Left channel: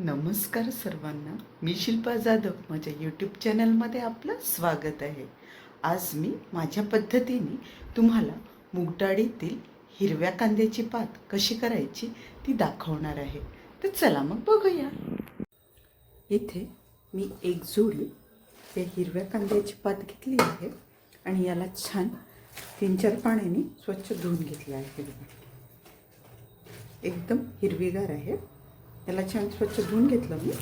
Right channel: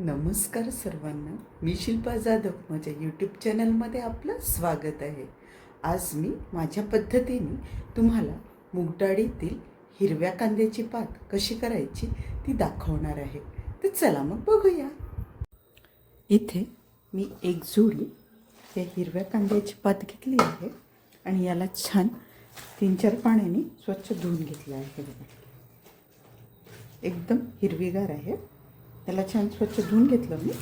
नमस्कार सर्वांना. मी शिल्पा जाधव. माझ्या यूट्यूब चॅनलमध्ये आपलं स्वागत आहे. आज मी माझ्या पद्धतीने तुम्हाला मुगडाळीतील हिरव्या कांद्याची पात कशी करायची ती दाखवणार आहे. तर चला मग बघूया. इथे मी एक जोडी या हिरव्या कांद्याची पात घेतली आहे आणि याला छान तीन चार पाण्याने स्वच्छ धुवून घेतलं आहे. एकदम हिरवीगार आहे. त्याला छान स्वच्छ धुवून घेतलं मी.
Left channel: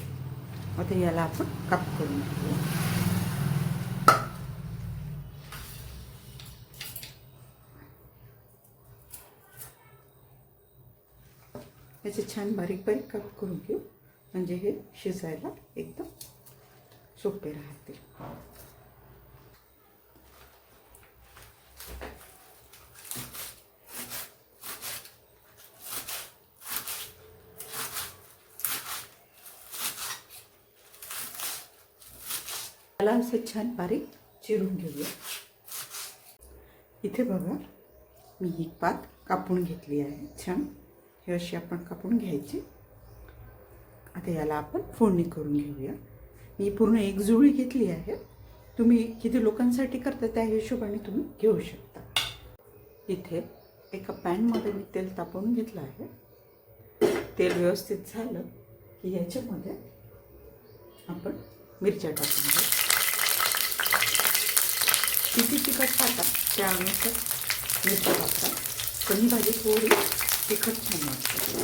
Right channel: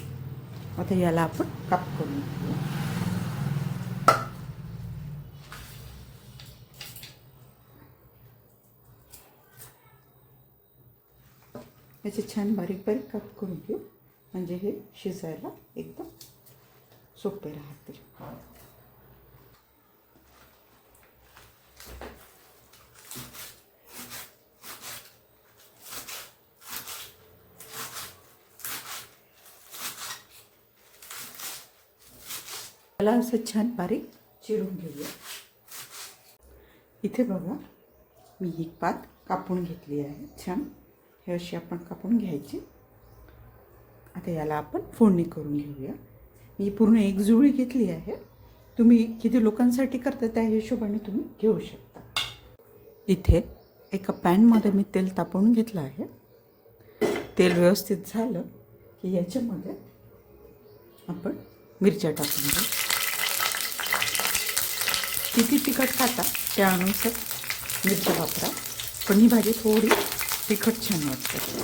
आता याला आपण काप करून घेऊया याचे छान बारीक बारीक काप करून घेऊ. म्हणजे हे शिजायला एकदम सोपे राहते त्याला असं छान बारीक चिरून घेऊया. इथे बघा मी ही पात कापून घेतली आहे. छान. हे अशी आपण कापून घ्यायची. आता याला आपण फोडणी करून घेऊया. मी पूर्ण एक जुळी घेतली आहे. तुम्ही किती लोकांसाठी करता त्या हिशोबाने तुम्ही घेऊ शकता. इथे एका पॅनमध्ये मी तेल तापवून घेतलं आहे. तेल व्यवस्थित झालं की याच्यामध्ये आपण मिरच्या टाकून घेऊ किती तिखट खाता त्यानुसार मिरची वापरा. पण ही भाजी थोडी तिखट छान वाटते.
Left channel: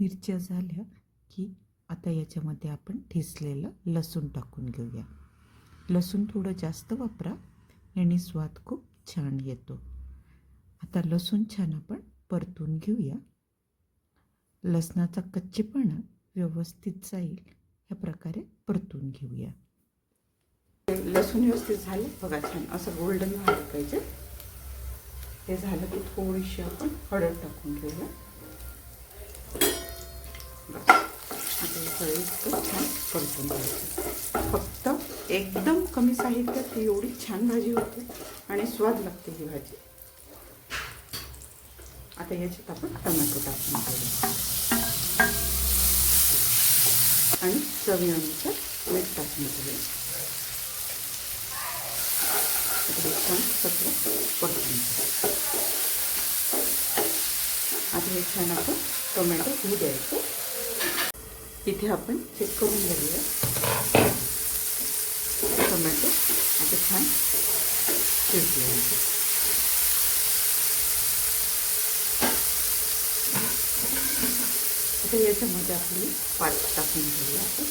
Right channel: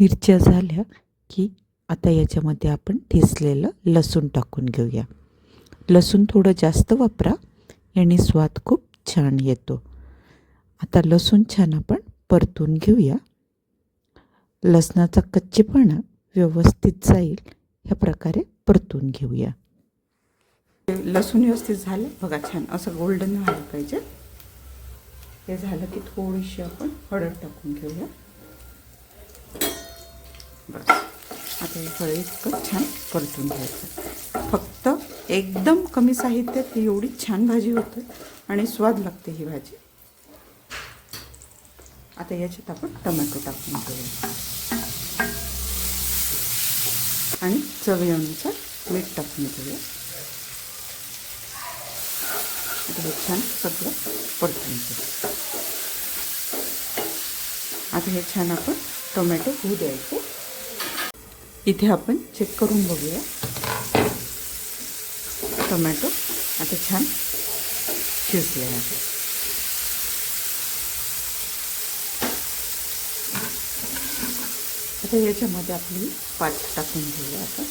मिरच्या झाल्या की आता याच्यामध्ये आपण ठेचलेलं लसूण टाकून घेऊया. लसूण थोडं जास्त वापरा याने स्वाद खूप छान येतो. आता लसूण छान आपण परतून घेऊया. लसणाचा कच्चेपणा व्यवस्थित जाईल ह्या प्रकारे परतून घेऊया. लसूण व्यवस्थित झाले. बघा छान असं गोल्डन व्हायला पाहिजे. हे झालं की थोडीशी आपण हळद टाकून घेऊया. बस. आता हे हळद इतकं छान परतून घ्यायचं. फक्त एकदम कमी साहित्यात ही एवढी छान भाजी होते आणि स्वाद लागते ही भाजी. आता याच्यात आपण टोमॅटो टाकून घेऊया. आणि चवीनुसार मीठ टाकून घेऊया. आता छान सत्र परतून आता हे छान आपण टोमॅटो होऊ द्यायचे. इथे आपण चेक करून बघूया. टोमॅटो आता छान शिजले आहे आता याच्यामध्ये आपली पात टाकून घेऊया आपण.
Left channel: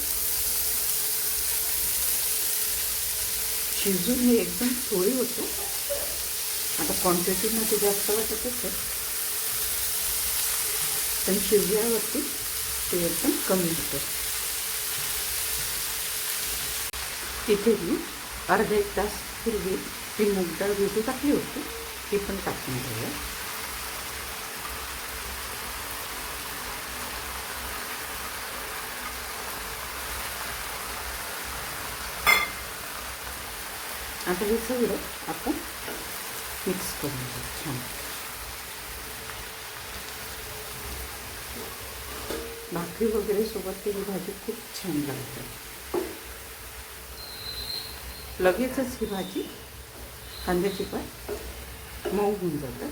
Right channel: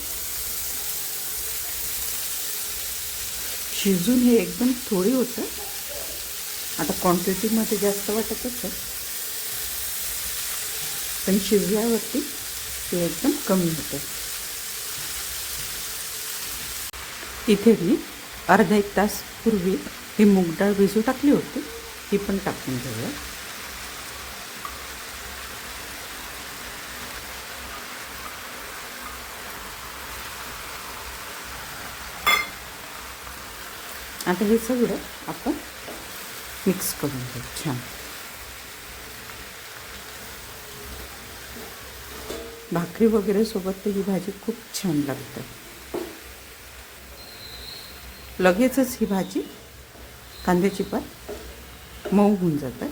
शिजून हे एकदम थोडी होतं. आता क्वांटिटीमध्ये जास्त वाटत असेल पण शिजल्यावरती ते एकदम कमी होतं. इथे मी अर्धा एक तास पूर्वी ही मूग डाळ भिजू टाकली होती ती पण टाकून ठेवलं आता हे सगळं आपण मिक्स करून घेऊ. छान. भाकरी वगैरे सोबत ही भाजी खूप छान लागते. लगेचच ही भाजी कांद्याची पात मऊ होऊन जाते.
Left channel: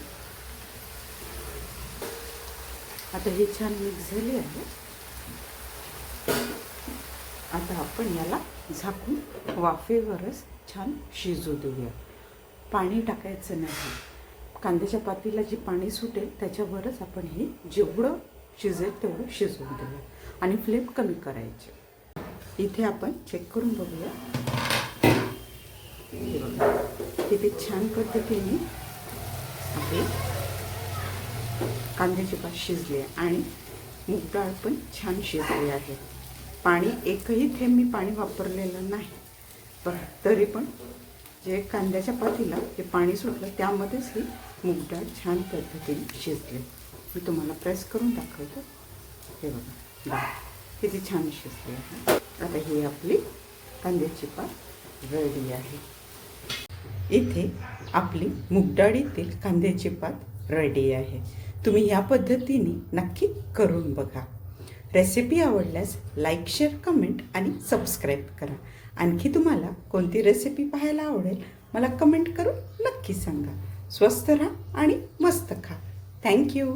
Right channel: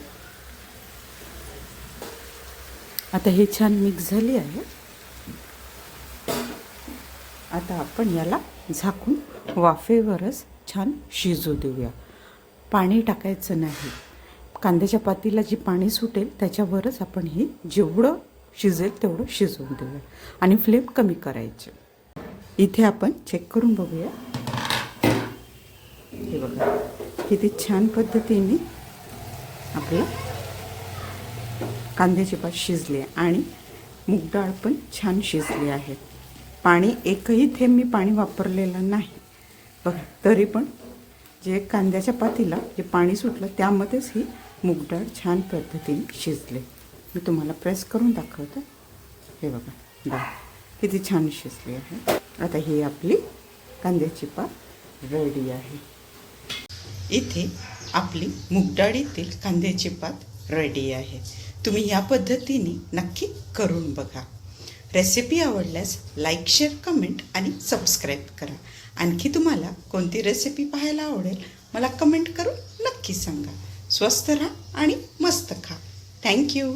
आता हे छान मिक्स झाली आहे. आता आपण याला झाकून वाफेवरच छान शिजू देऊया. पाणी टाकायचं नाही. कांद्याच्या पातीला जी पाणी सुटेल त्याच्यावरच आपण हे जेवढं शिजेल तेवढं शिजवून देऊया. आणि फ्लेम कमी करायचे. इथे आपण चेक करून बघूया. हे बघा. किती छान पद्धतीने आपले कांद्याची पात शिजली आहे आणि मूग डाळ पण छान शिजली आहे. पाणी एकही थेंब मी पाणी वापरलेलं नाही. बघा तरी पण जे कांद्याच्या पातीला जे पाणी सुटलं त्यामध्येच ही मूग डाळ छान पद्धतीने शिजले. मी तुम्हाला प्रेस करून दाखवते. हे बघा बघा किती छान शिजली आहे. आता ही आपली कांद्याची पात रेडी आहे. इथे आपली मुगडाळीतील कांद्याची पात रेडी आहे. तुम्ही या पद्धतीने नक्की करून बघा. रेसिपी आवडल्यास लाईक शेअर कमेंट आणि सबस्क्राईब करा. आणखी तुम्हाला कोणती रेसिपी पाहायला आवडेल मला कमेंट करून नक्की सांगा. स्वस्त राहा आणि मस्त खा. थँक्यू